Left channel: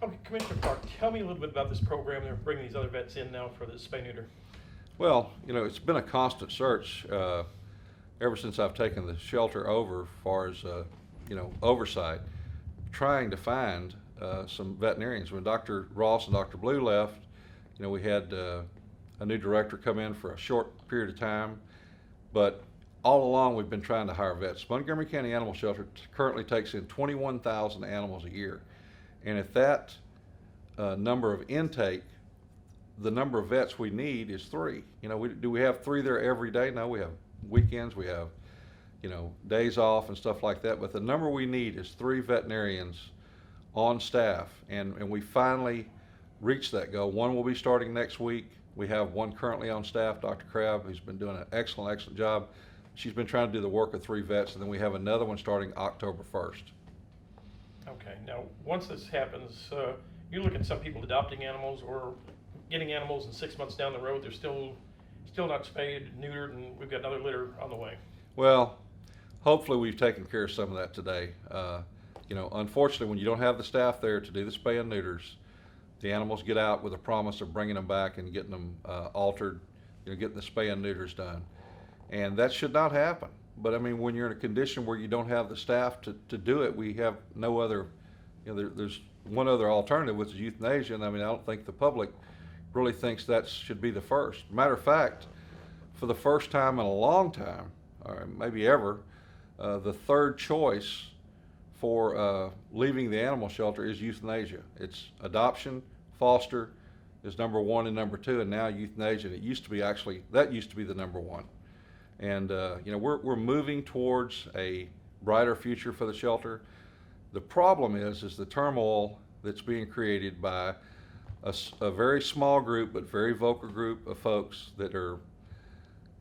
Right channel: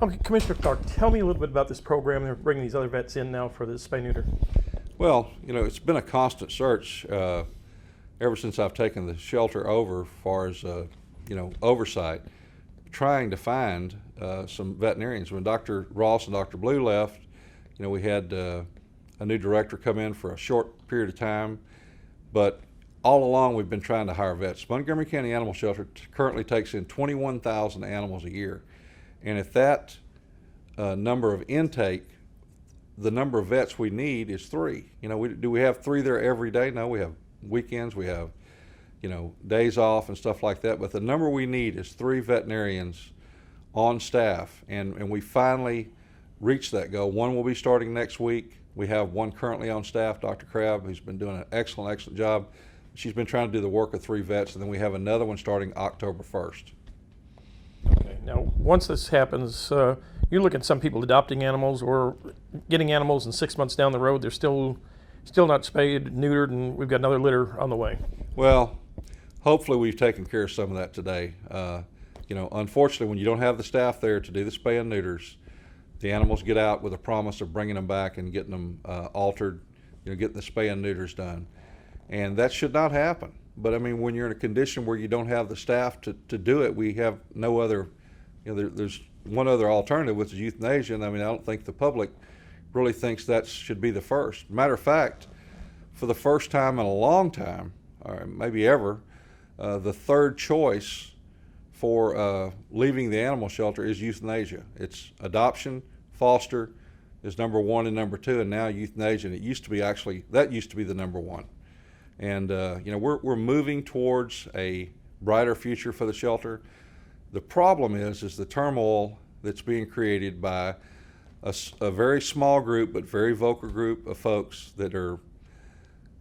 Okay, Commissioner Clark, tell me a little bit about this program. They're bringing these other vets in now for the spay neuter. Well, it's been a constant search ever since I've taken the shelter over, as far as oversight, trying to find some veterinarians. When Dr. Ross and Dr. Blue left, we had a new director come in for a short period of time, but all along we've been trying to hire vets. Montgomery County Animal Shelter currently takes in 21,000 animals a year, and if that number of intake, the number of vets we need is 3. Do we have 3 there every day? No, we have weekends, we have days off and stuff like that, but the number we need is 3 veterinarians on staff, and we finally reached that goal. One will be starting next week. We have one currently on staff, Dr. Crabb, who's been doing an excellent job. She's been trying to do the work of 3 vets, and then we have another one starting October 1st. Okay, now once this happens, you look at some people adopting animals or getting animals, and 6 months down the road they're still not spayed, neutered, and we've got another litter on the way. Well, hopefully we've taken care of some of that today. Unfortunately, when you don't have the staff there to do the spay and neuters, the animals get out with a promise of bringing them back and getting them altered, getting the spay and neuters done. And that should not happen. But I mean, when you're in a condition where you don't have the staff to do it, we have no other, there's one other alternative, which is euthanasia. And I mean, I don't think the public really thinks that should be the first. Matter of fact, for the first time in a long time, or maybe ever, the third choice for leaving the animal shelter is euthanasia. It's adoption, foster is number 1 and number 2, and now euthanasia. And that used to be the number 1. And we're moving towards a brighter future for the shelter. The problem is the turmoil that's being created by a very small group but very vocal group of folks that are,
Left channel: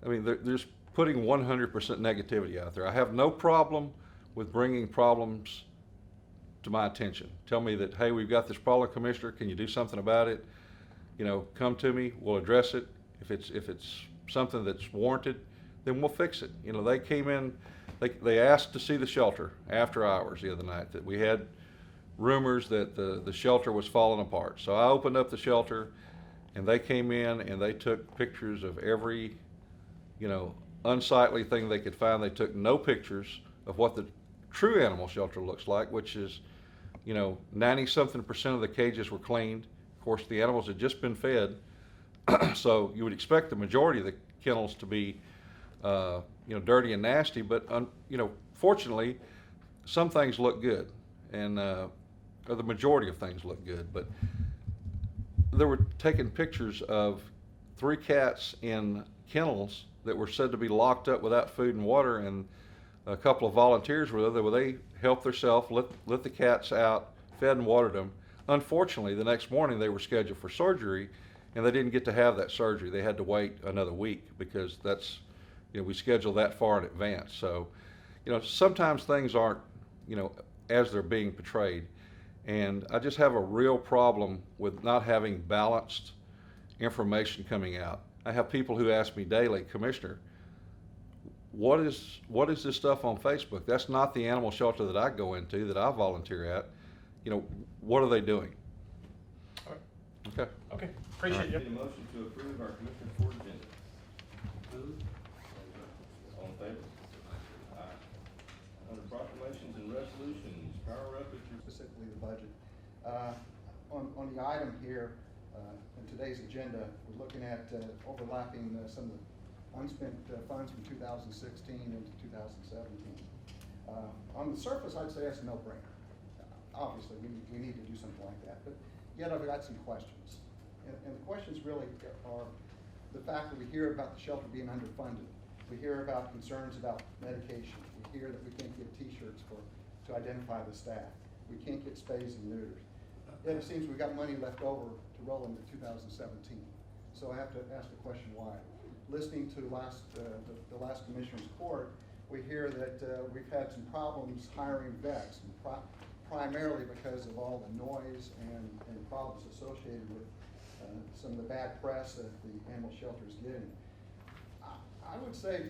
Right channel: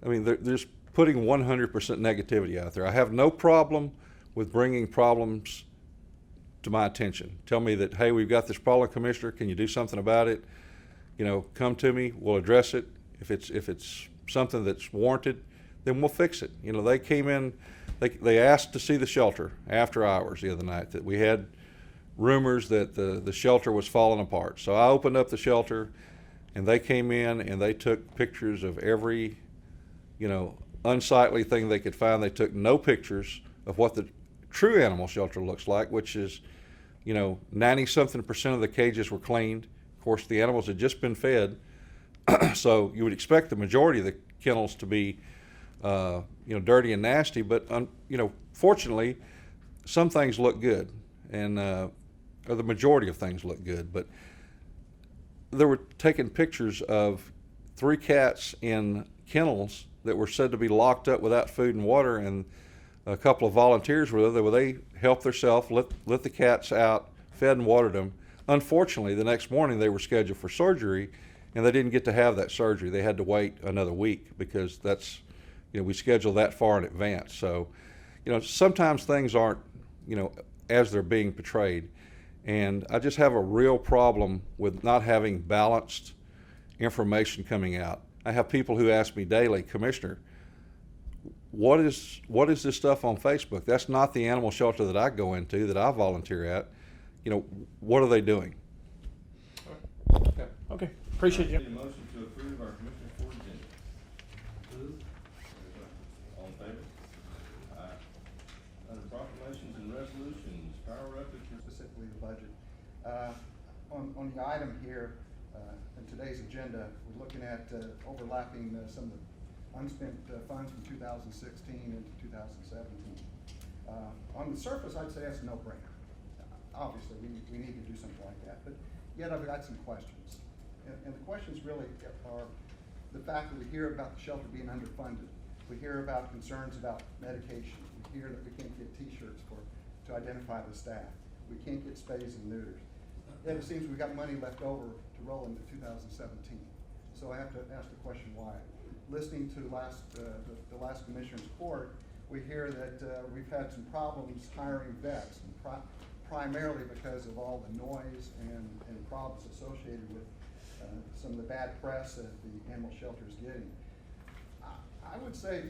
they're just putting 100% negativity out there. I have no problem with bringing problems to my attention. Tell me that, hey, we've got this problem, Commissioner, can you do something about it? Come to me, we'll address it. If it's something that's warranted, then we'll fix it. They came in, they asked to see the shelter after hours the other night, that we had rumors that the shelter was falling apart. So I opened up the shelter, and they came in and they took pictures of every, unsightly thing they could find. They took no pictures of what the true animal shelter looks like, which is, 90-something% of the cages were cleaned. Of course, the animals had just been fed, so you would expect the majority of the kennels to be dirty and nasty, but fortunately, some things look good, and or the majority of things look good. But they were taking pictures of 3 cats in kennels that were said to be locked up without food and water, and a couple of volunteers were there. They helped themselves, let the cats out, fed and watered them. Unfortunately, the next morning they were scheduled for surgery, and they didn't get to have that surgery. They had to wait another week because that's, we schedule that far in advance. So, sometimes things aren't, as they're being portrayed. And I just have a real problem with not having balanced information coming out. I have people who ask me daily, Commissioner, what is this stuff on Facebook? That's not the animal shelter that I go into, that I volunteer at. What are they doing? Okay. Appreciate you. Need a motion to approve our Commissioner's Court agenda. All in favor? Aye. Under proclamations and resolutions, power up at your Specifically the budget. On the item here, in today's agenda, we're looking at overlapping some of the unspent funds from 2016 into 2017. On the surface, I'd say that's a no-brainer. Obviously, we need to do something like that, but yet I've got some questions. And the questions really are the fact that we hear about the shelter being underfunded. We hear about concerns about medication. We hear that we can't get T-shirts to identify the staff. We can't get spays and neuters. Then it seems we've got money left over to roll into 2017. So I have to ask the question why. Listening to the last Commissioner's Court, we hear that we've had some problems hiring vets, and primarily because of all the noise and problems associated with some of the bad press that the animal shelter is getting. I would say,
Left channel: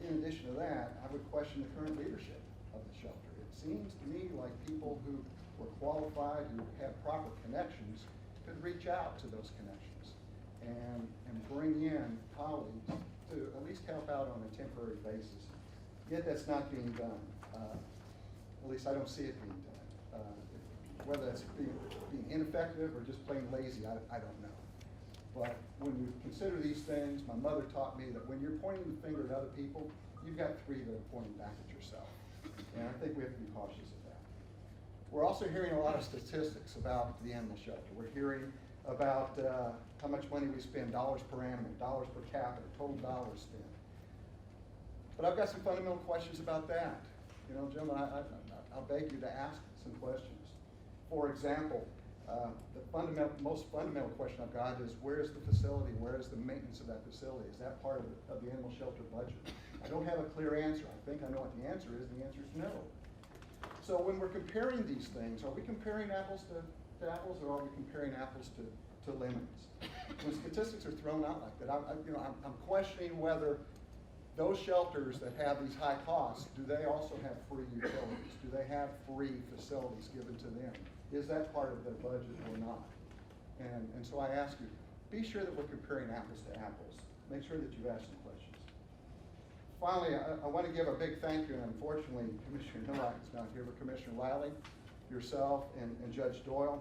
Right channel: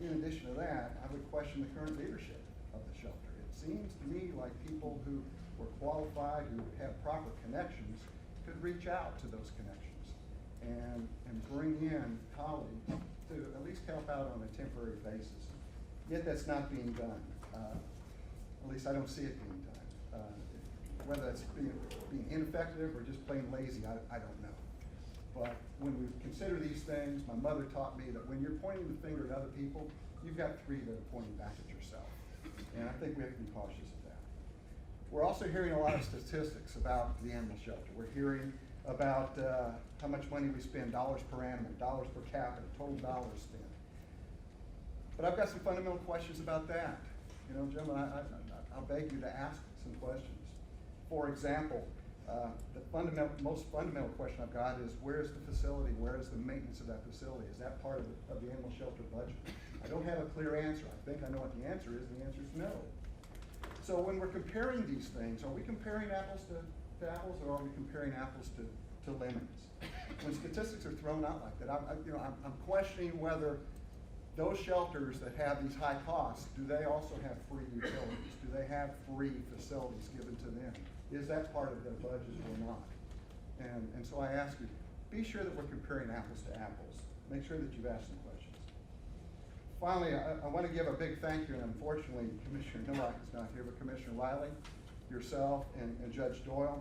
in addition to that, I would question the current leadership of the shelter. It seems to me like people who were qualified, who have proper connections, could reach out to those connections and bring in colleagues to at least help out on a temporary basis. Yet that's not being done. At least I don't see it being done. Whether that's being ineffective or just plain lazy, I don't know. But when we consider these things, my mother taught me that when you're pointing the finger at other people, you've got three that are pointing back at yourself. And I think we have to be cautious of that. We're also hearing a lot of statistics about the animal shelter. We're hearing about how much money we spend, dollars per animal, dollars per capita, total dollars spent. But I've got some fundamental questions about that. You know, gentlemen, I'll beg you to ask some questions. For example, the most fundamental question I've got is, where is the facility? Where is the maintenance of that facility? Is that part of the animal shelter budget? I don't have a clear answer. I think I know what the answer is. The answer is no. So when we're comparing these things, are we comparing apples to apples, or are we comparing apples to lemons? When statistics are thrown out like that, I'm questioning whether those shelters that have these high costs, do they also have free utilities? Do they have free facilities given to them? Is that part of their budget or not? And so I ask you, be sure that we're comparing apples to apples. Make sure that you've asked some questions. Finally, I want to give a big thank you, and unfortunately, Commissioner Nowak is not here, but Commissioner Wiley, yourself, and Judge Doyle.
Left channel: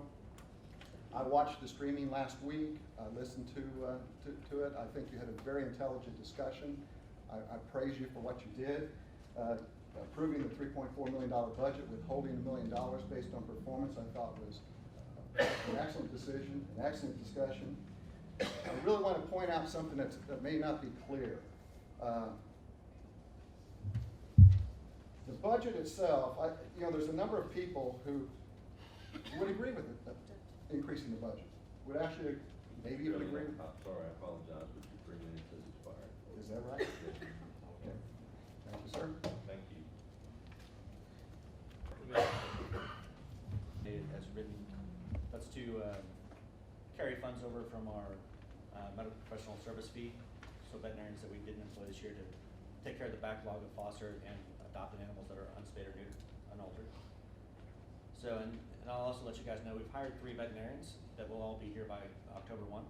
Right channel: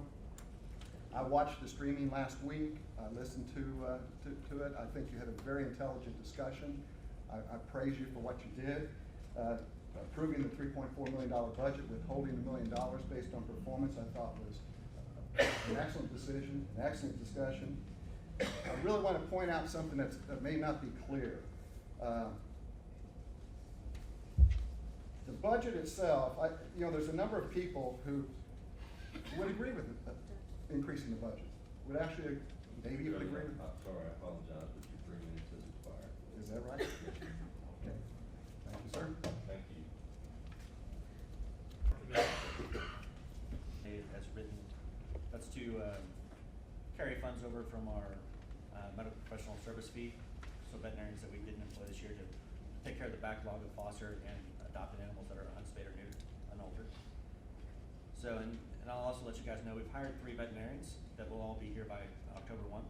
I watched the streaming last week. I listened to it. I think you had a very intelligent discussion. I praise you for what you did. Approving the $3.4 million budget, withholding $1 million based on performance, I thought was an excellent decision, an excellent discussion. I really want to point out something that may not be clear. The budget itself, there's a number of people who would agree with increasing the budget. Would actually maybe even agree with it. Sorry, I apologize, but your 3 minutes has expired. Is that right? Okay. Thank you, sir. Thank you. As written, that's to carry funds over from our medical professional service fee, so veterinarians that we didn't employ this year to take care of the backlog of foster and adopted animals that are unspayed or neutered, unaltered. So, and I'll also let you guys know, we've hired 3 veterinarians that will all be here by October 1.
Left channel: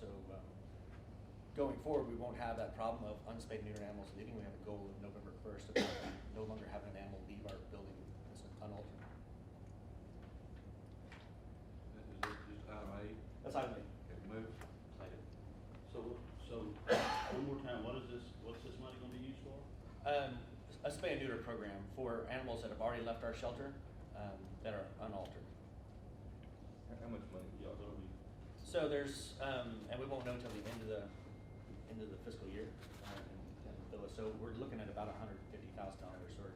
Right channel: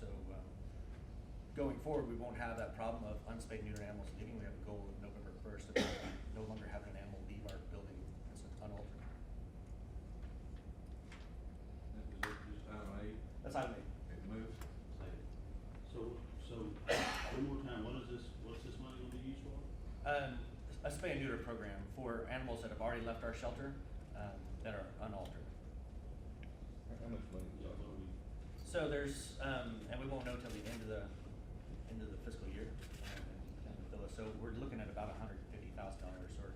So going forward, we won't have that problem of unspayed neutered animals leaving. We have a goal of November 1st of no longer having an animal leave our building that's unaltered. This is just item A. That's item A. Okay, move. So, one more time, what's this money gonna be used for? A spay and neuter program for animals that have already left our shelter that are unaltered. How much money do y'all know we? So there's, and we won't know until the end of the fiscal year. So we're looking at about $150,000, or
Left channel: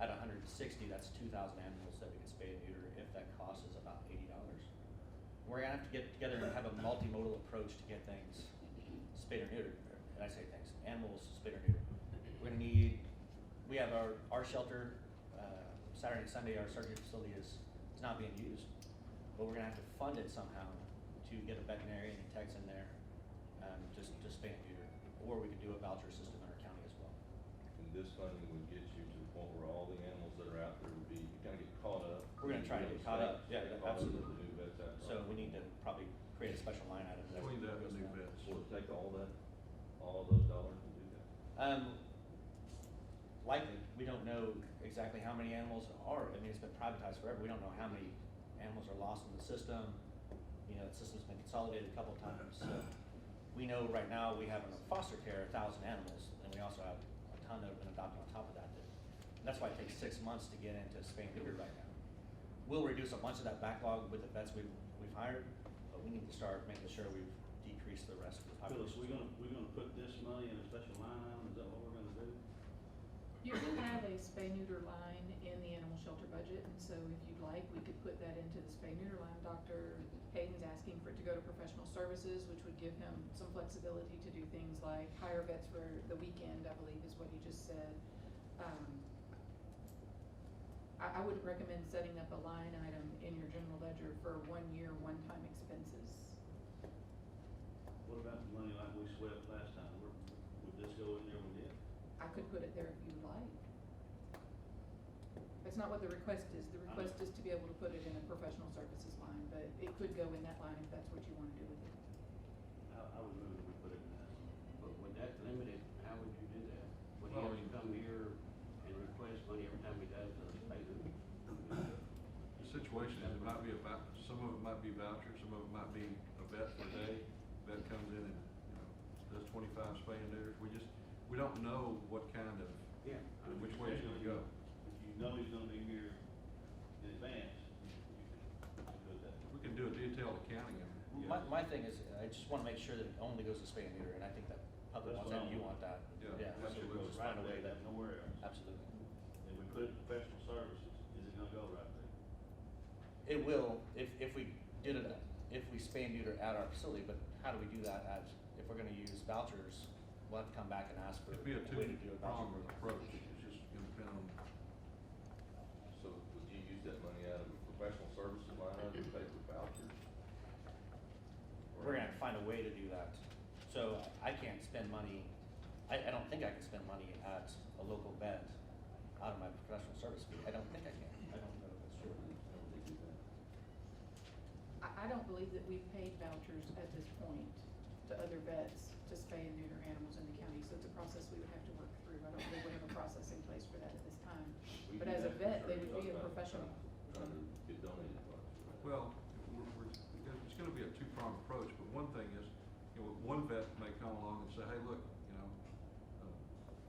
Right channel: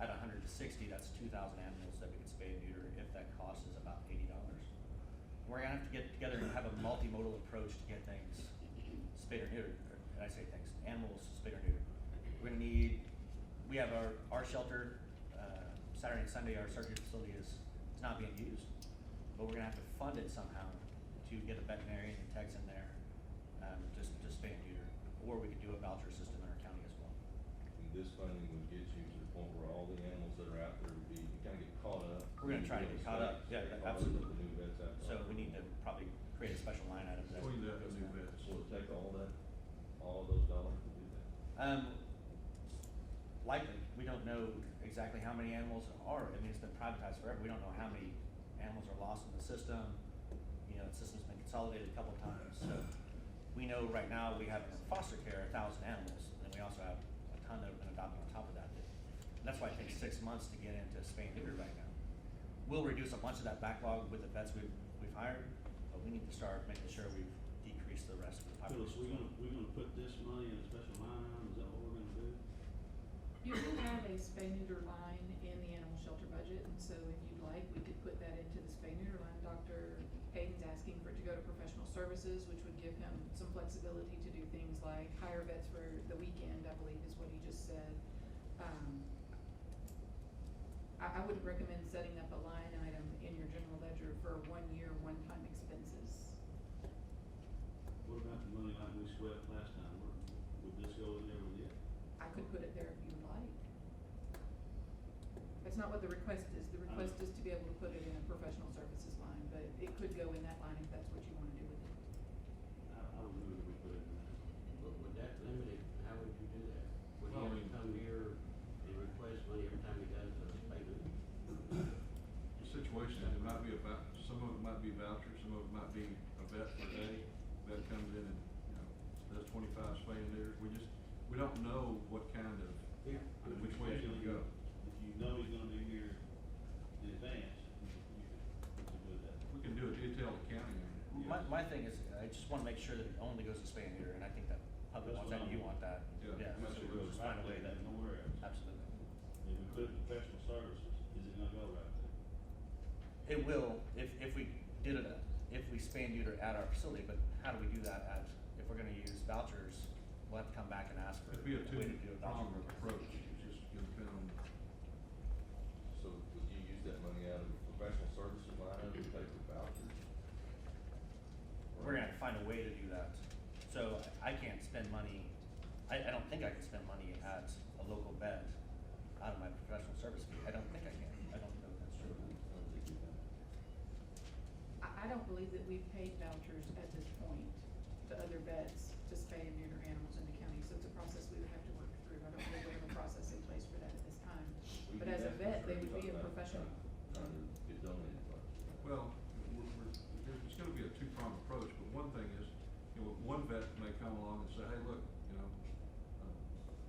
at 160, that's 2,000 animals that we can spay and neuter if that cost is about $80. We're gonna have to get together and have a multimodal approach to get things spayed or neutered. Did I say things? Animals spayed or neutered. We're gonna need. We have our shelter. Saturday and Sunday, our surgery facility is not being used, but we're gonna have to fund it somehow to get a veterinarian and techs in there, just spay and neuter, or we could do a voucher system in our county as well. And this funding would get you to the point where all the animals that are out there would be, kind of get caught up. We're gonna try to get caught up. Yeah, absolutely. The new vets out there. So we need to probably create a special line item for that. Between that and the new vets. Will it take all of those dollars to do that? Likely. We don't know exactly how many animals are. I mean, it's been privatized forever. We don't know how many animals are lost in the system. You know, the system's been consolidated a couple times. So we know right now we have in foster care 1,000 animals, and we also have a ton that have been adopted on top of that. And that's why it takes 6 months to get into spay and neuter right now. We'll reduce a bunch of that backlog with the vets we've hired, but we need to start making sure we've decreased the rest of the Phyllis, population. we're gonna put this money in a special line item, is that what we're gonna do? You do have a spay neuter line in the animal shelter budget, and so if you'd like, we could put that into the spay neuter line. Dr. Hayden's asking for it to go to professional services, which would give him some flexibility to do things like hire vets for the weekend, I believe is what he just said. I wouldn't recommend setting up a line item in your general ledger for 1 year, one-time expenses. What about the money like we swept last time, would this go in there with it? I could put it there if you would like. That's not what the request is. The request is to be able to put it in a professional services line, but it could go in that line if that's what you wanna do with it. I would move that we put it in that. But would that limit it, how would you do that? Would he Well, have to come here and request money every time he does a pay neuter? The situation is, it might be about, some of it might be vouchers, some of it might be a vet per day. Vet comes in and, you know, does 25 spay and neuters. We don't know what kind of, Yeah. which way it's gonna go. If you know he's gonna be here in advance, you can do that. We can do a detailed accounting of it. My thing is, I just wanna make sure that it only goes to spay and neuter, and I think that public That's wants that, what I you want. want that. Yeah, so absolutely. we'll just find a way that, Nowhere else. absolutely. If we put it in professional services, is it gonna go right there? It will, if we did it, if we spay and neuter at our facility, but how do we do that if we're gonna use vouchers, we'll have to come back and ask for. It'd be a way to do a voucher. two-pronged approach. It's just gonna depend on, So would you use that money out of the professional services line item to pay for vouchers? We're gonna have to find a way to do that. So I can't spend money, I don't think I can spend money at a local vet out of my professional service fee. I don't think I can. I don't know if that's true. I don't think you can. I don't believe that we've paid vouchers at this point to other vets to spay and neuter animals in the county, so it's a process we would have to work through. I don't believe we have a process in place for that at this time. We But do as a that, vet, sure, they you're would be a talking about professional. Trying to get donated funds for that. well, it's gonna be a two-pronged approach, but one thing is, you know, one vet may come along and say, hey, look, you know,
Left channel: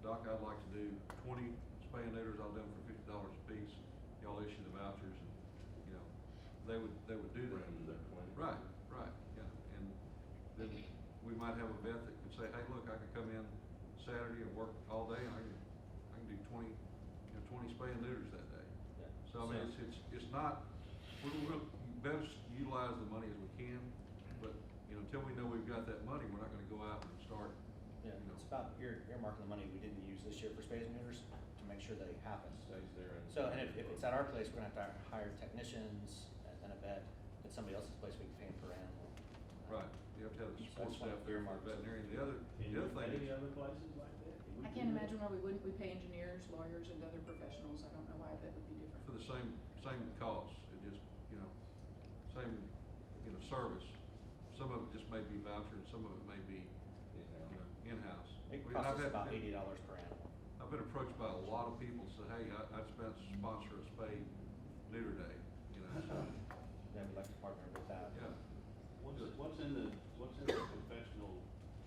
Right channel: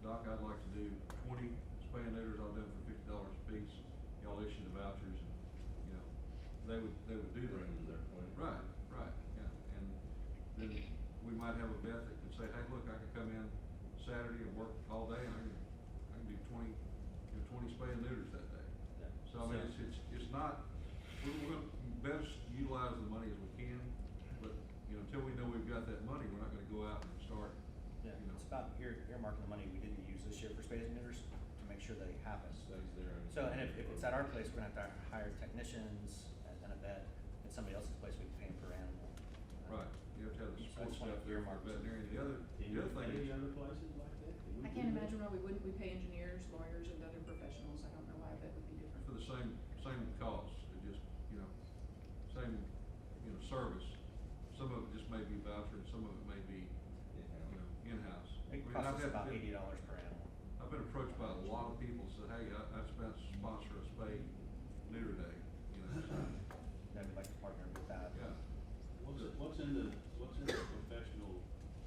Doc, I'd like to do 20 spay and neuters, I'll do them for $50 a piece. Y'all issue the vouchers and, you know, they would do that. Bring them to their clinic. Right, yeah, and then we might have a vet that can say, hey, look, I can come in Saturday and work all day, and I can do 20 spay and neuters that day. Yeah. So I mean, it's not, we're gonna best utilize the money as we can, but, you know, until we know we've got that money, we're not gonna go out and start, Yeah, you know. it's about earmarking the money we didn't use this year for spays and neuters to make sure that it happens. Stays there and. So, and if it's at our place, we're gonna have to hire technicians and a vet. At somebody else's place, we can pay them per animal. Right, you have to have the So support it's one staff of there for earmarks. veterinarian. The other Any thing is, other places like that? Can we I do can't that? imagine why we wouldn't. We pay engineers, lawyers, and other professionals. I don't know why that would be different. for the same cost, it just, you know, same, you know, service. Some of it just may be voucher, and some of it may be, you know, in-house. It I mean, I've costs us had- about $80 per animal. I've been approached by a lot of people, said, hey, I've spent to sponsor a spay neuter day, you know, so, Yeah, we'd like to partner with that. yeah. What's in the professional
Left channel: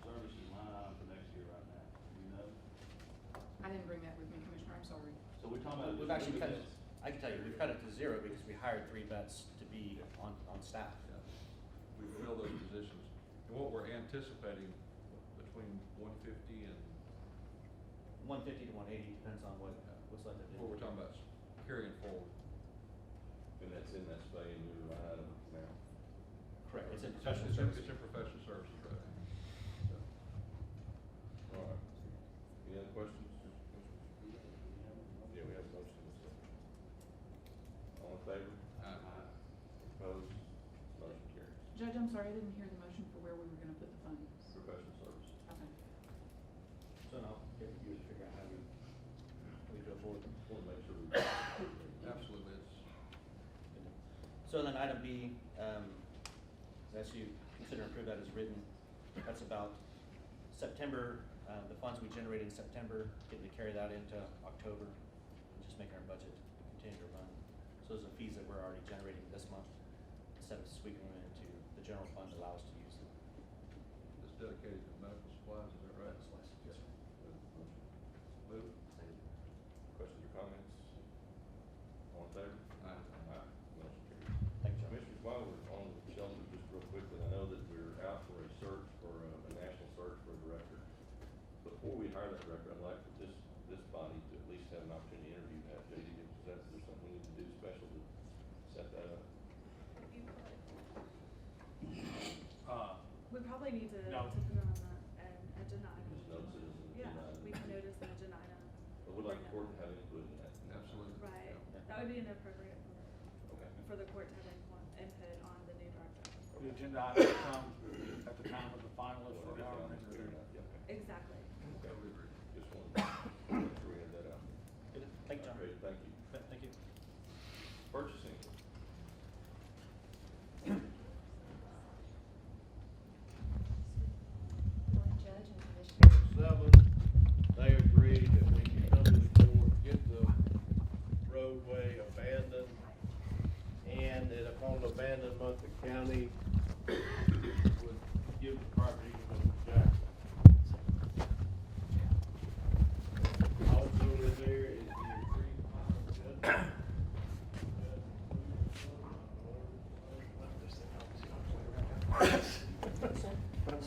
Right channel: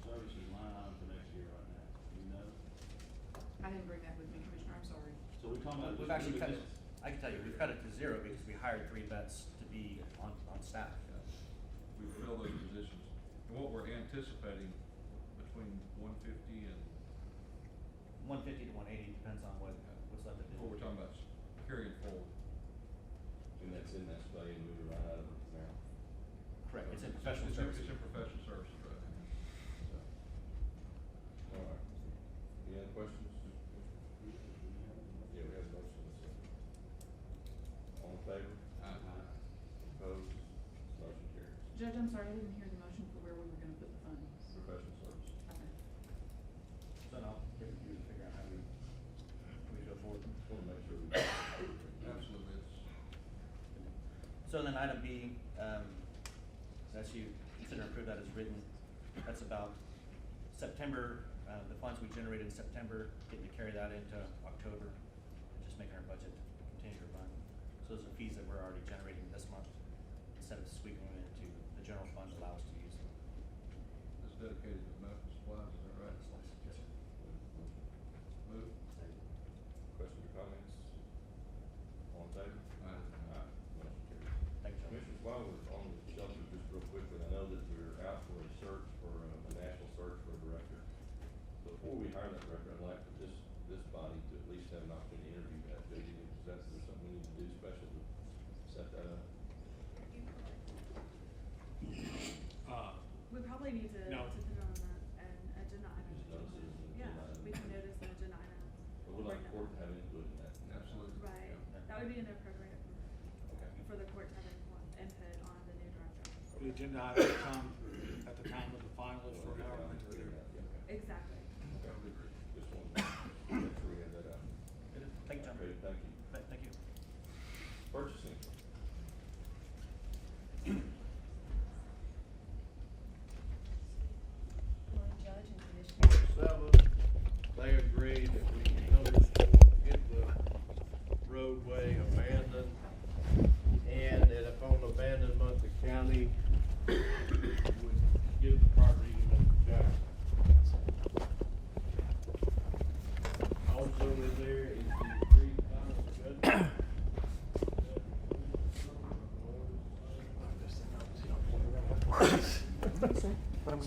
services line item for next year right now? Do you know? I didn't bring that with me, Commissioner. I'm sorry. So we're talking about. We've just actually cut moving it, I can tell you, we've cut it to 0 because we hired 3 vets to be on staff. Yeah. We fill those positions. And what we're anticipating between 150 and 150 to 180, depends on what's left to do. what we're talking about carrying forward. And that's in that spay and neuter line item now. Correct, it's in It's professional in- services. It's in professional services, right? So, All right. Any other questions? Yeah, we have a motion. All in favor? Opposed? Motion carries. Judge, I'm sorry, I didn't hear the motion for where we were gonna put the funds. Professional services. Okay. So now, give it to you to figure out how we go forward. Just wanna make sure we. absolutely, it's, So then item B, as you consider and approve that as written, that's about September, the funds we generated in September, getting to carry that into October, and just making our budget continue to run. So those are fees that we're already generating this month, instead of sweeping them into the general fund to allow us to use them. it's dedicated to medical supplies, is that right? Yes, sir. Move. Questions or comments? All in favor? Aye. Motion carries. Thank you, John. Commissioners, while we're on the shelter, just real quickly, I know that we're out for a search for a national search for a director. Before we hire that director, I'd like for this body to at least have an opportunity to interview that. JD, is there something we need to do special to set that up? We probably need to No. put it on an agenda item. Just notice it as an Yeah, agenda item. we can notice an agenda item. But we'd like the court to have input in that. Absolutely. Right, Yeah. that would be inappropriate Okay. for the court to have input on the new director. The agenda item will come at the time of the finalists for Well, how yeah, many are there. okay. Exactly. I would agree. Just wanted to make sure we had that out. Good. Thank you, John. Great, thank you. Thank you.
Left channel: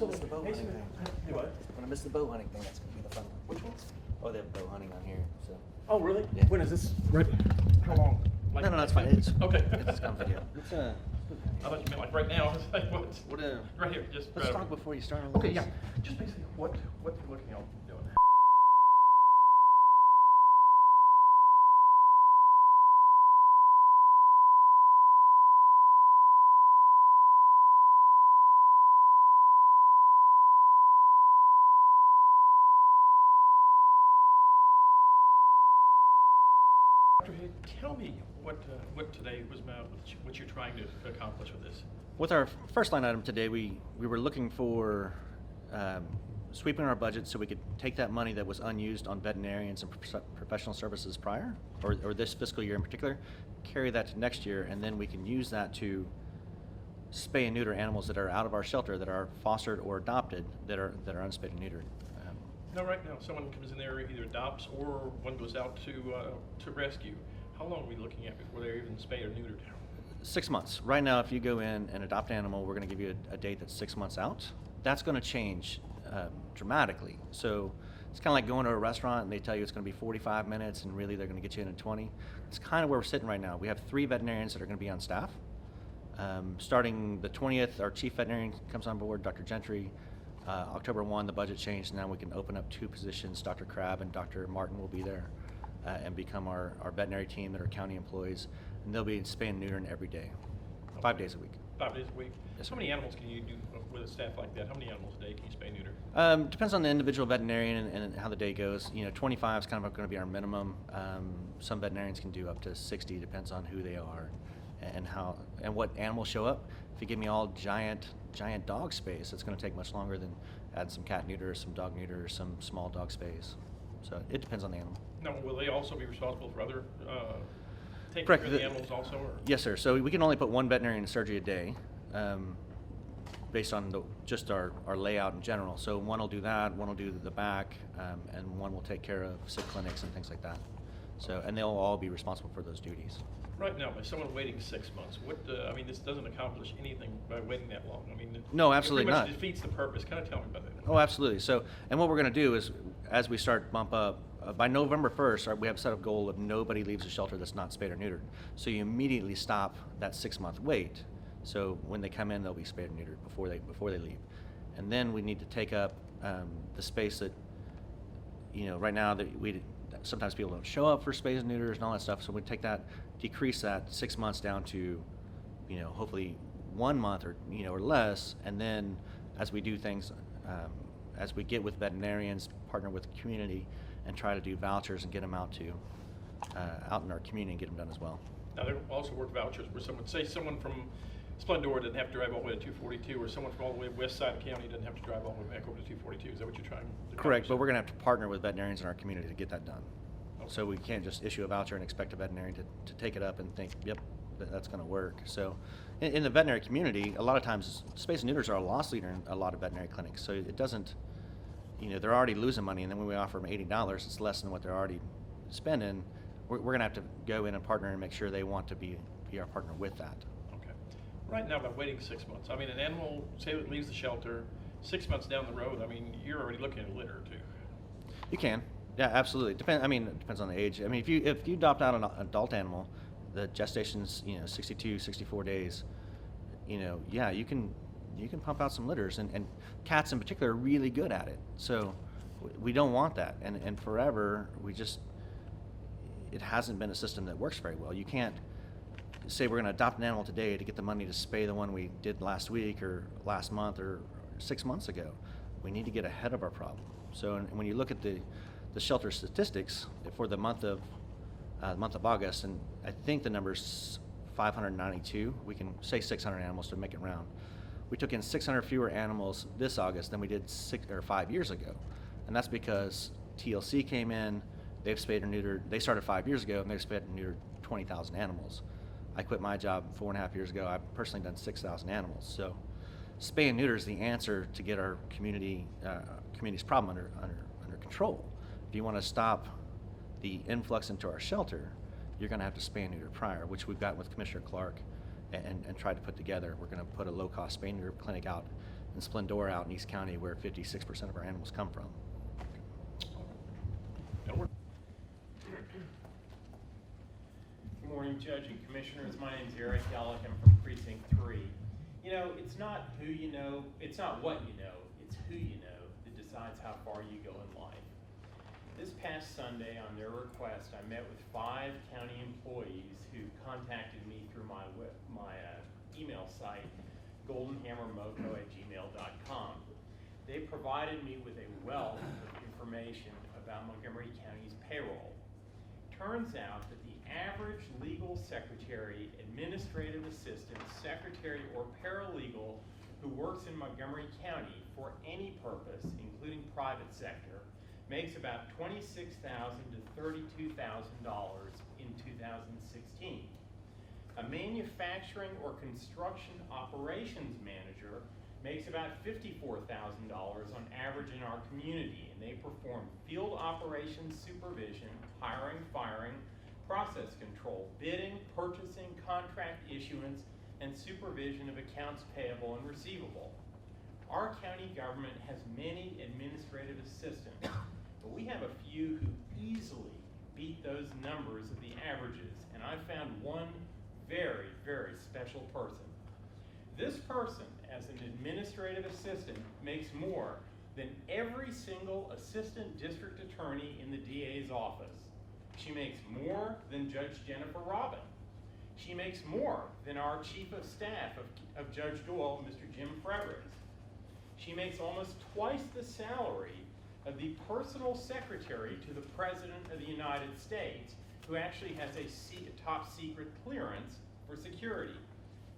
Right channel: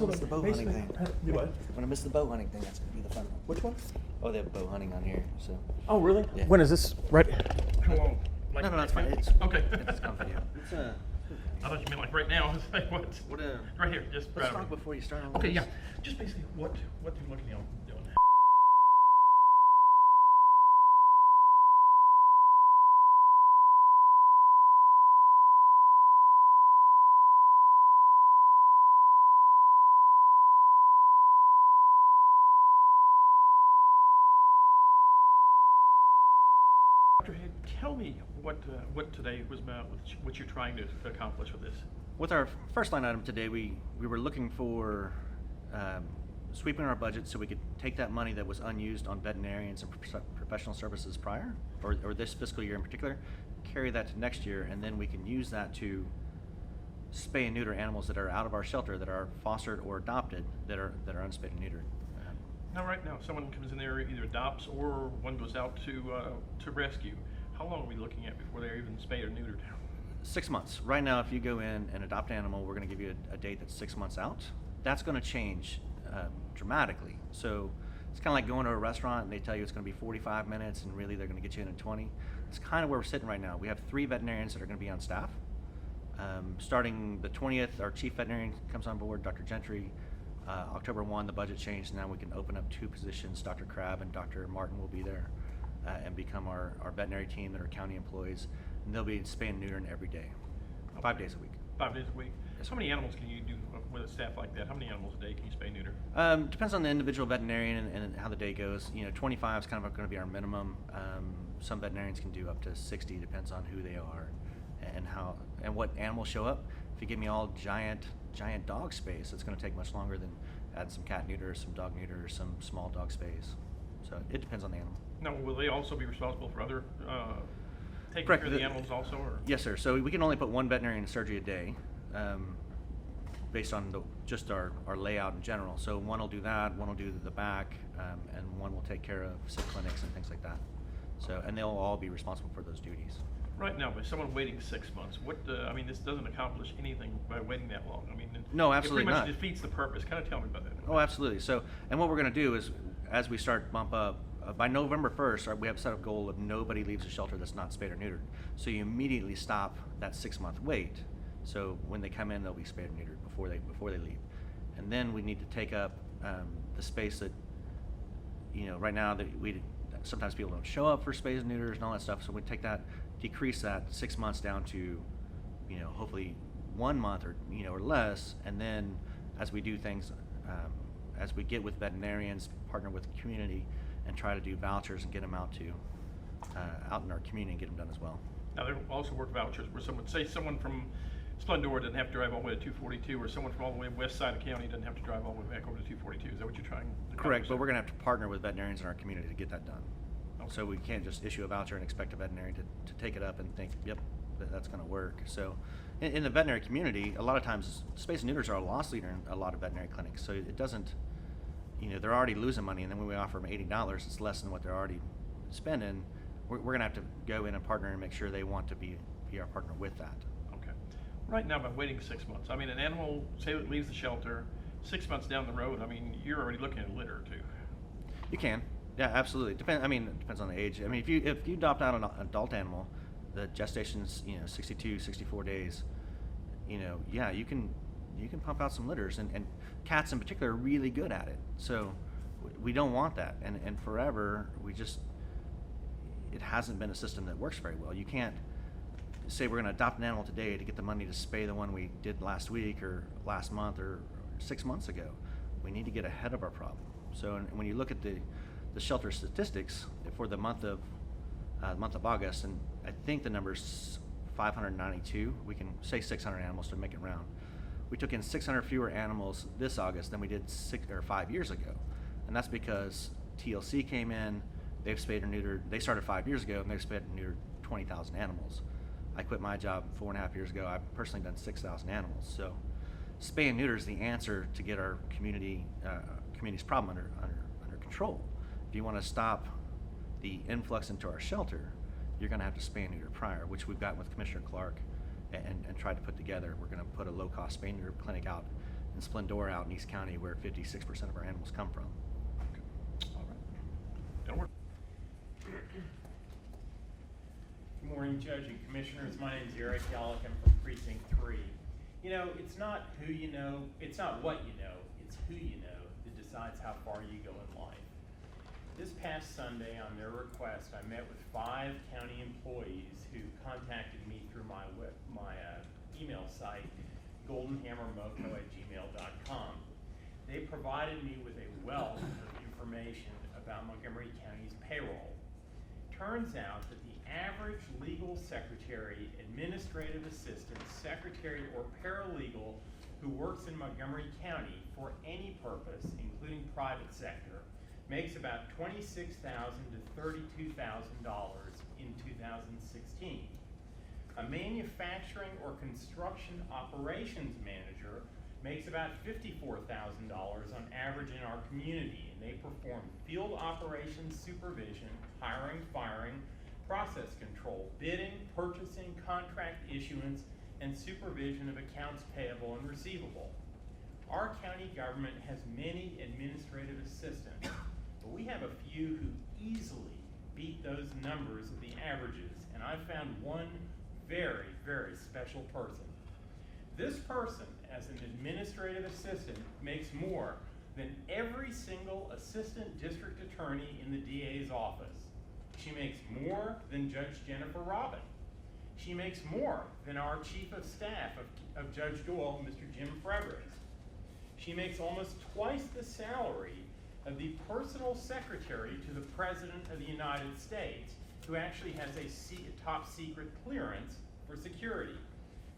So It's the bow basically- hunting thing. Do what? When I miss the bow hunting thing, that's gonna be the fun one. Which one? Oh, they have bow hunting on here, so. Oh, really? Yeah. When is this? Right? How long? Like, No, it's fine. It's okay. It's on video. It's I thought you meant like right now. I was like, what? What Right here, just let's right talk over. before you start. Okay, yeah. Just basically what you're looking at doing. Dr. Hay, tell me what today was about, what you're trying to accomplish with this. With our first line item today, we were looking for sweeping our budget so we could take that money that was unused on veterinarians and professional services prior, or this fiscal year in particular, carry that to next year, and then we can use that to spay and neuter animals that are out of our shelter, that are fostered or adopted, that are unspayed and neutered. Now, right now, someone comes in there, either adopts or one goes out to rescue. How long are we looking at before they're even spayed or neutered? 6 months. Right now, if you go in and adopt an animal, we're going to give you a date that's 6 months out. That's going to change dramatically. So it's kind of like going to a restaurant and they tell you it's going to be 45 minutes and really they're going to get you in 20. It's kind of where we're sitting right now. We have 3 veterinarians that are going to be on staff. Starting the 20th, our chief veterinarian comes on board, Dr. Gentry. October 1, the budget changed. Now we can open up 2 positions. Dr. Crabb and Dr. Martin will be there and become our veterinary team that are county employees. And they'll be spaying and neutering every day, 5 days a week. 5 days a week. Yes, How sir. many animals can you do with a staff like that? How many animals a day can you spay and neuter? Depends on the individual veterinarian and how the day goes. 25 is kind of going to be our minimum. Some veterinarians can do up to 60, depends on who they are and how and what animals show up. If you give me all giant dog space, it's going to take much longer than add some cat neuters, some dog neuters, some small dog space. So it depends on the animal. Now, will they also be responsible for other taking Correct. care of the animals also? Or? Yes, sir. So we can only put 1 veterinarian in surgery a day, based on just our layout in general. So one will do that, one will do the back, and one will take care of sick clinics and things like that. So, and they'll all be responsible for those duties. Right now, by someone waiting 6 months, I mean, this doesn't accomplish anything by waiting that long. I mean, No, absolutely it pretty much not. defeats the purpose. Kind of tell me about that. Oh, absolutely. So, and what we're going to do is, as we start bump up, by November 1st, we have set a goal of nobody leaves the shelter that's not spayed or neutered. So you immediately stop that 6-month wait. So when they come in, they'll be spayed or neutered before they leave. And then we need to take up the space that, right now that sometimes people don't show up for spays and neuters and all that stuff. So we decrease that 6 months down to, hopefully 1 month or less. And then as we do things, as we get with veterinarians, partner with the community, and try to do vouchers and get them out in our community and get them done as well. Now, they also work vouchers where someone from Splendora doesn't have to drive all the way to 242, or someone from all the way west side of county doesn't have to drive all the way back over to 242. Is that what you're trying to Correct, but accomplish? we're going to have to partner with veterinarians in our community to get that done. So we can't just issue a voucher and expect a veterinarian to take it up and think, yep, that's going to work. So in the veterinary community, a lot of times spays and neuters are a loss leader in a lot of veterinary clinics. So it doesn't, they're already losing money, and then when we offer them $80, it's less than what they're already spending. We're going to have to go in and partner and make sure they want to be our partner with that. Okay. Right now, by waiting 6 months, I mean, an animal, say that leaves the shelter, 6 months down the road, I mean, you're already looking at litter too. You can, yeah, absolutely. It depends on the age. I mean, if you adopt out an adult animal, the gestation's 62, 64 days. Yeah, you can pump out some litters, and cats in particular are really good at it. So we don't want that, and forever it hasn't been a system that works very well. You can't say we're going to adopt an animal today to get the money to spay the one we did last week or last month or 6 months ago. We need to get ahead of our problem. So when you look at the shelter statistics for the month of August, and I think the number's 592. We can say 600 animals to make it round. We took in 600 fewer animals this August than we did 5 years ago, and that's because TLC came in. They've spayed or neutered. They started 5 years ago, and they've spayed and neutered 20,000 animals. I quit my job 4.5 years ago. I've personally done 6,000 animals. So, spay and neuter is the answer to get our community's problem under control. If you want to stop the influx into our shelter, you're going to have to spay and neuter prior, which we've got with Commissioner Clark and tried to put together. We're going to put a low-cost spay and neuter clinic out and Splendora out in East County, where 56% of our animals come from. Edward? Good morning, Judge and Commissioners. My name's Eric Ellick. I'm from Precinct 3. You know, it's not who you know, it's not what you know, it's who you know that decides how far you go in life. This past Sunday, on their request, I met with 5 county employees who contacted me through my email site, goldenhammermoco@gmail.com. They provided me with a wealth of information about Montgomery County's payroll. Turns out that the average legal secretary, administrative assistant, secretary, or paralegal who works in Montgomery County for any purpose, including private sector, makes about $26,000 to $32,000 in 2016. A manufacturing or construction operations manager makes about $54,000 on average in our community, and they perform field operations supervision, hiring, firing, process control, bidding, purchasing, contract issuance, and supervision of accounts payable and receivable. Our county government has many administrative assistants, but we have a few who easily beat those numbers of the averages, and I found one very, very special person. This person, as an administrative assistant, makes more than every single assistant district attorney in the DA's office. She makes more than Judge Jennifer Robin. She makes more than our chief of staff of Judge Doyle, Mr. Jim Fredericks. She makes almost twice the salary of the personal secretary to the President of the United States, who actually has a top secret clearance for security.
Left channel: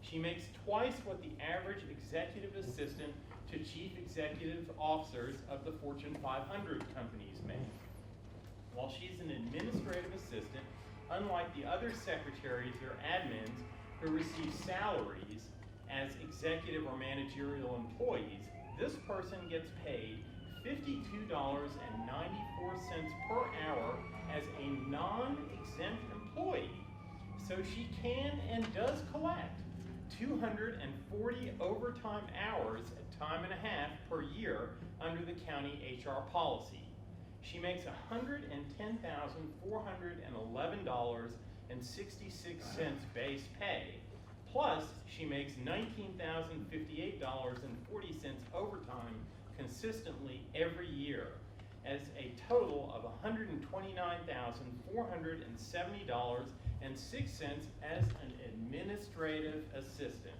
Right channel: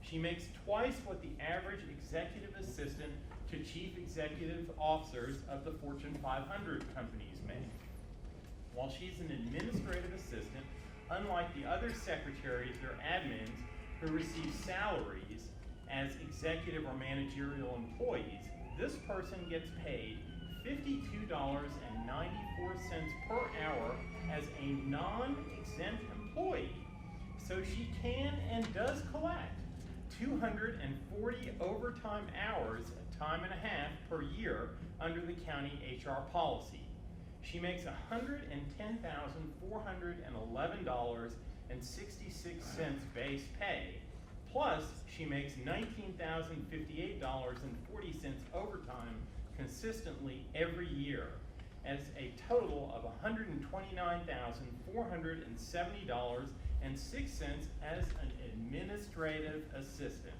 She makes twice what the average executive assistant to chief executive officers of the Fortune 500 companies make. While she's an administrative assistant, unlike the other secretaries or admins who receive salaries as executive or managerial employees, this person gets paid $52.94 per hour as a non-exempt employee. So she can and does collect 240 overtime hours at time and a half per year under the county HR policy. She makes $110,411.66 base pay, plus she makes $19,058.40 overtime consistently every year, as a total of $129,470.06 as an administrative assistant.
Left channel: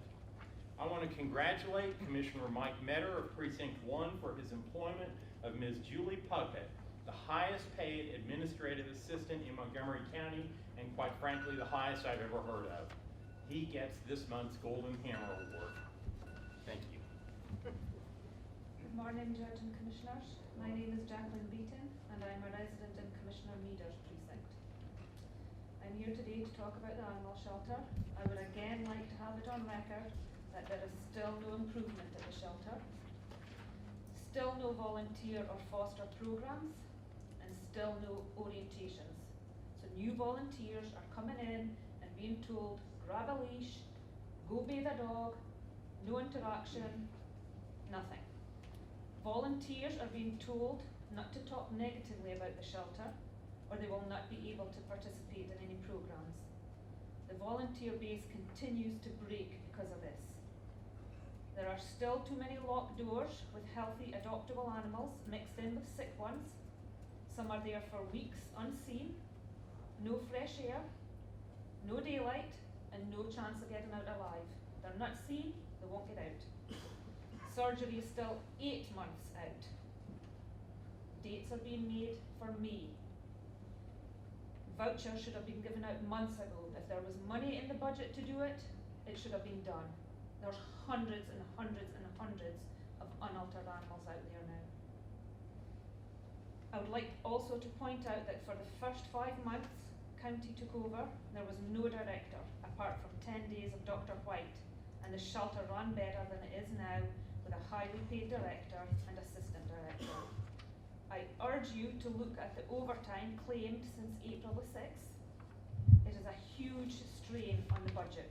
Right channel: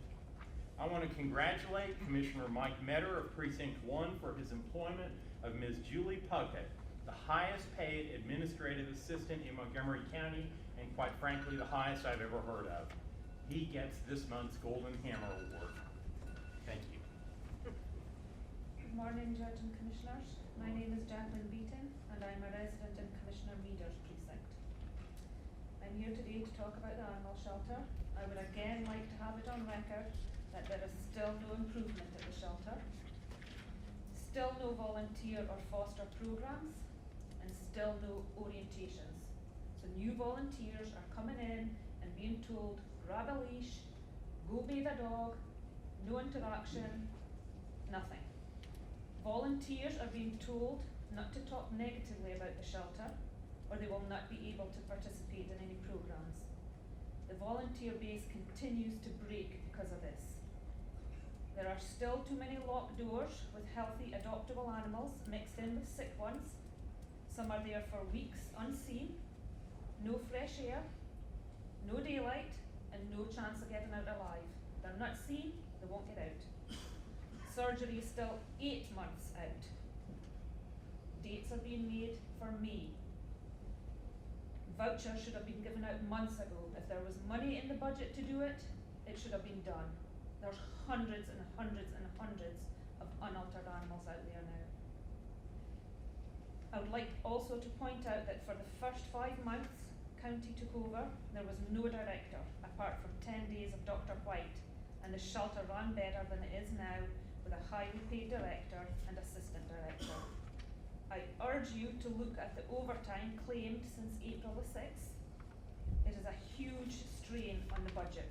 I want to congratulate Commissioner Mike Metter of Precinct 1 for his employment of Ms. Julie Puckett, the highest paid administrative assistant in Montgomery County, and quite frankly, the highest I've ever heard of. He gets this month's Golden Hammer Award. Thank you. Good morning, Judge and Commissioners. My name is Jacqueline Beaton, and I'm a resident in Commissioner Meader's precinct. I'm here today to talk about the animal shelter. I would again like to have it on record that there is still no improvement at the shelter, still no volunteer or foster programs, and still no orientations. So new volunteers are coming in and being told, grab a leash, go bathe a dog, no interaction, nothing. Volunteers are being told not to talk negatively about the shelter, or they will not be able to participate in any programs. The volunteer base continues to break because of this. There are still too many locked doors with healthy adoptable animals mixed in with sick ones. Some are there for weeks unseen, no fresh air, no daylight, and no chance of getting out alive. They're not seen, they won't get out. Surgery is still 8 months out. Dates are being made for May. Vouchers should have been given out months ago. If there was money in the budget to do it, it should have been done. There's hundreds and hundreds and hundreds of unaltered animals out there now. I would like also to point out that for the first 5 months county took over, there was no director apart from 10 days of Dr. White, and the shelter ran better than it is now with a highly paid director and assistant director. I urge you to look at the overtime claimed since April the 6th. It is a huge strain on the budget.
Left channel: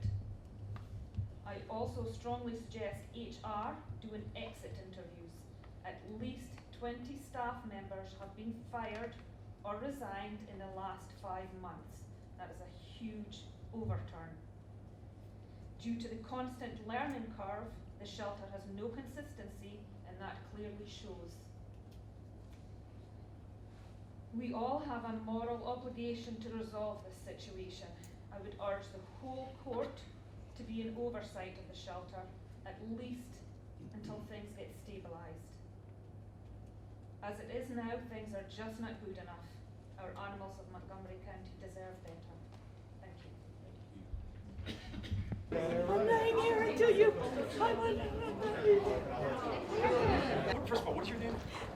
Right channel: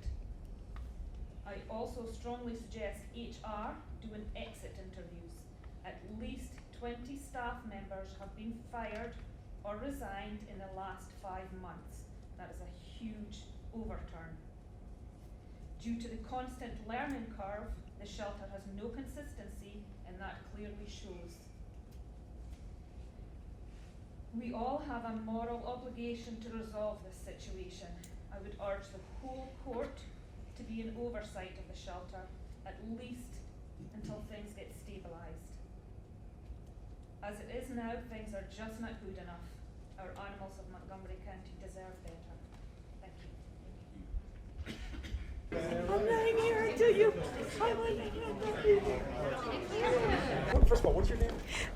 I also strongly suggest HR doing exit interviews. At least 20 staff members have been fired or resigned in the last 5 months. That is a huge overturn. Due to the constant learning curve, the shelter has no consistency, and that clearly shows. We all have a moral obligation to resolve this situation. I would urge the whole court to be in oversight of the shelter, at least until things get stabilised. As it is now, things are just not good enough. Our animals of Montgomery County deserve better. Thank you. First of all, what's your name?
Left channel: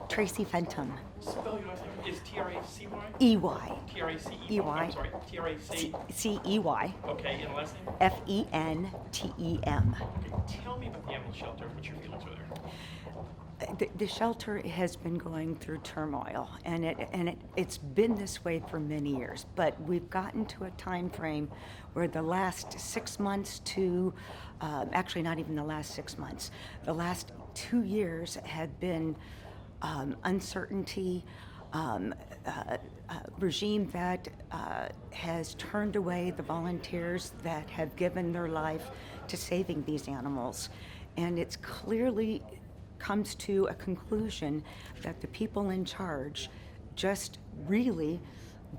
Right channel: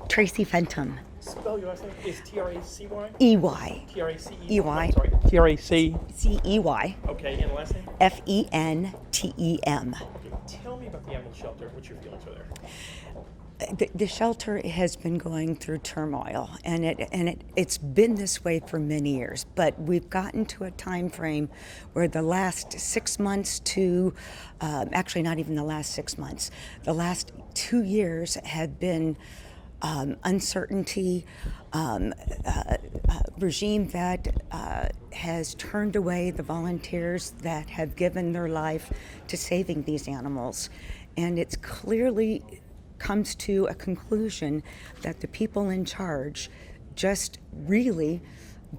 Tracy Fenton. Spell your last name. Is T-R-A-C-Y? EY. T-R-A-C-E-Y. EY. I'm sorry. T-R-A-C. CEY. Okay, and the last name? FENTEM. Okay, tell me about the animal shelter. What's your feelings over there? The shelter has been going through turmoil, and it's been this way for many years. But we've gotten to a time frame where the last 6 months to, actually not even the last 6 months, the last 2 years have been uncertainty, regime that has turned away the volunteers that have given their life to saving these animals, and it's clearly comes to a conclusion that the people in charge just really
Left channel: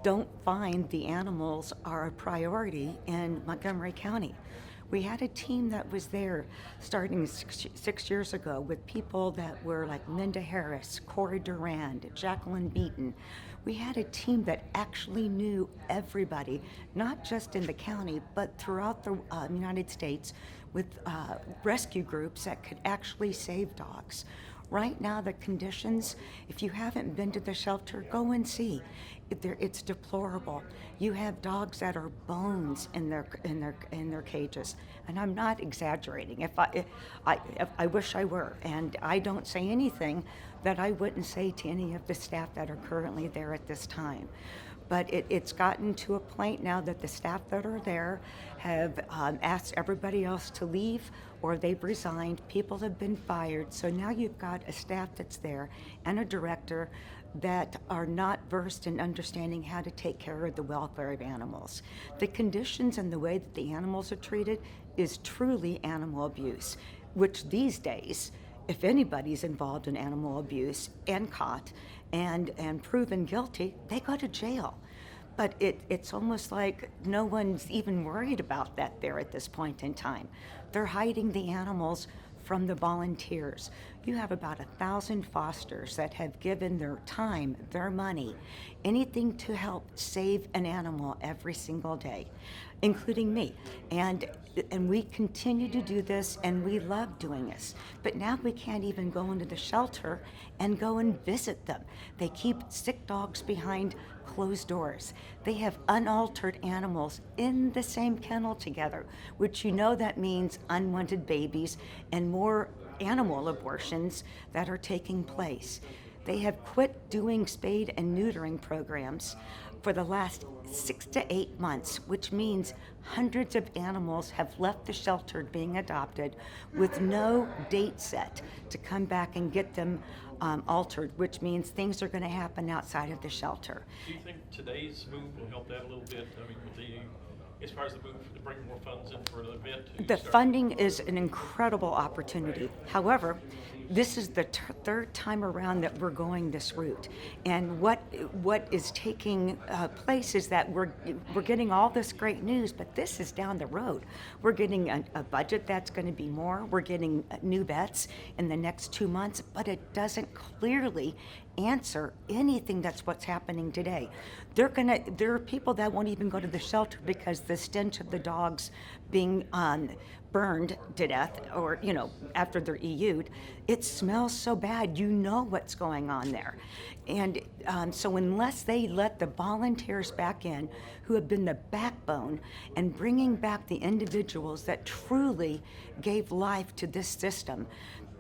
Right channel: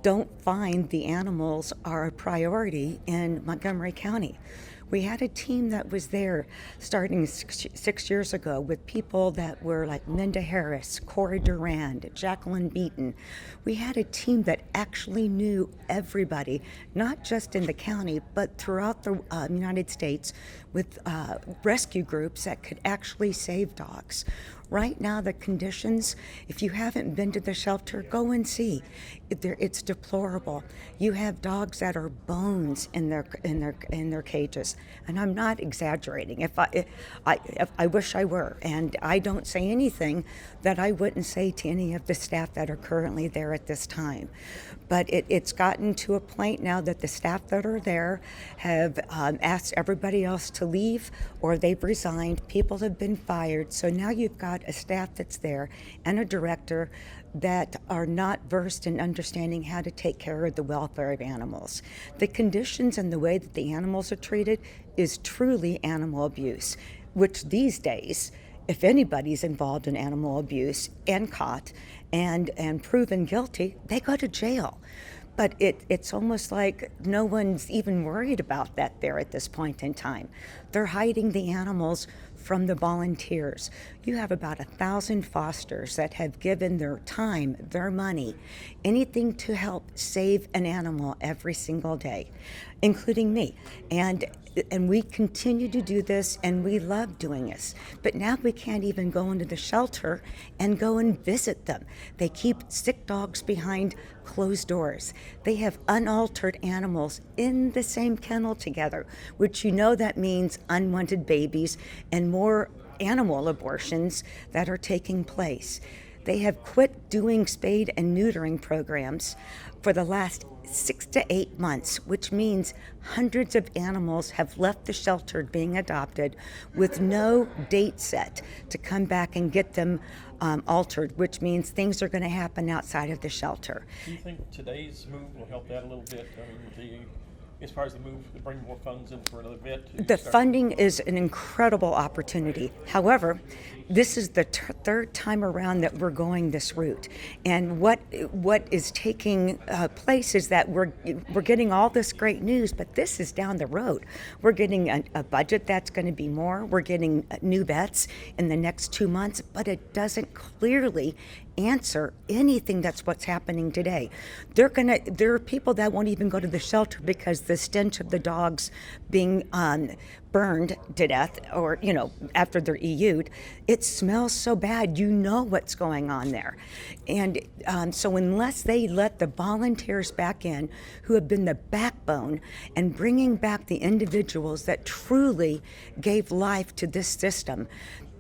don't find the animals are a priority in Montgomery County. We had a team that was there starting 6 years ago with people that were like Minda Harris, Cora Durand, Jacqueline Beaton. We had a team that actually knew everybody, not just in the county, but throughout the United States, with rescue groups that could actually save dogs. Right now, the conditions, if you haven't been to the shelter, go and see. It's deplorable. You have dogs that are bones in their cages, and I'm not exaggerating. If I wish I were, and I don't say anything that I wouldn't say to any of the staff that are currently there at this time. But it's gotten to a point now that the staff that are there have asked everybody else to leave, or they've resigned. People have been fired. So now you've got a staff that's there and a director that are not versed in understanding how to take care of the welfare of animals. The conditions and the way that the animals are treated is truly animal abuse, which these days, if anybody's involved in animal abuse and caught and proven guilty, they go to jail. But it's almost like no one's even worried about that there at this point in time. They're hiding the animals from the volunteers. You have about 1,000 fosters that have given their time, their money, anything to help save an animal every single day, including me. And we continue to do this, and we love doing this. But now we can't even go into the shelter and go and visit them. They keep sick dogs behind closed doors. They have unaltered animals in the same kennel together, which you know that means unwanted babies and more animal abortions that are taking place. They have quit doing spade and neutering programs for the last 6 to 8 months, which means hundreds of animals have left the shelter being adopted with no date set to come back and get them altered, which means things are going to happen outside of the shelter. Do you think today's move will help that a little bit? I mean, as far as the move to bring more funds in for another bit? The funding is an incredible opportunity. However, this is the third time around that we're going this route, and what is taking place is that we're getting all this great news, but this is down the road. We're getting a budget that's going to be more. We're getting new vets in the next 2 months, but it doesn't clearly answer anything that's what's happening today. There are people that won't even go to the shelter because the stench of the dogs being burned to death, or after they're EU'd, it smells so bad. You know what's going on there, and so unless they let the volunteers back in, who have been the backbone and bringing back the individuals that truly gave life to this system,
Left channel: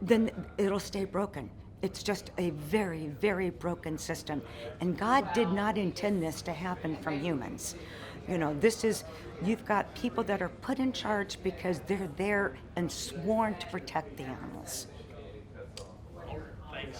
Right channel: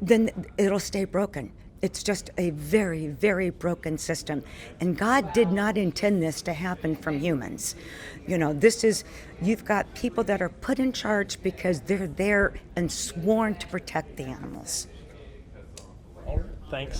then it'll stay broken. It's just a very, very broken system. And God did not intend this to happen from humans. You've got people that are put in charge because they're there and sworn to protect the animals. Thanks.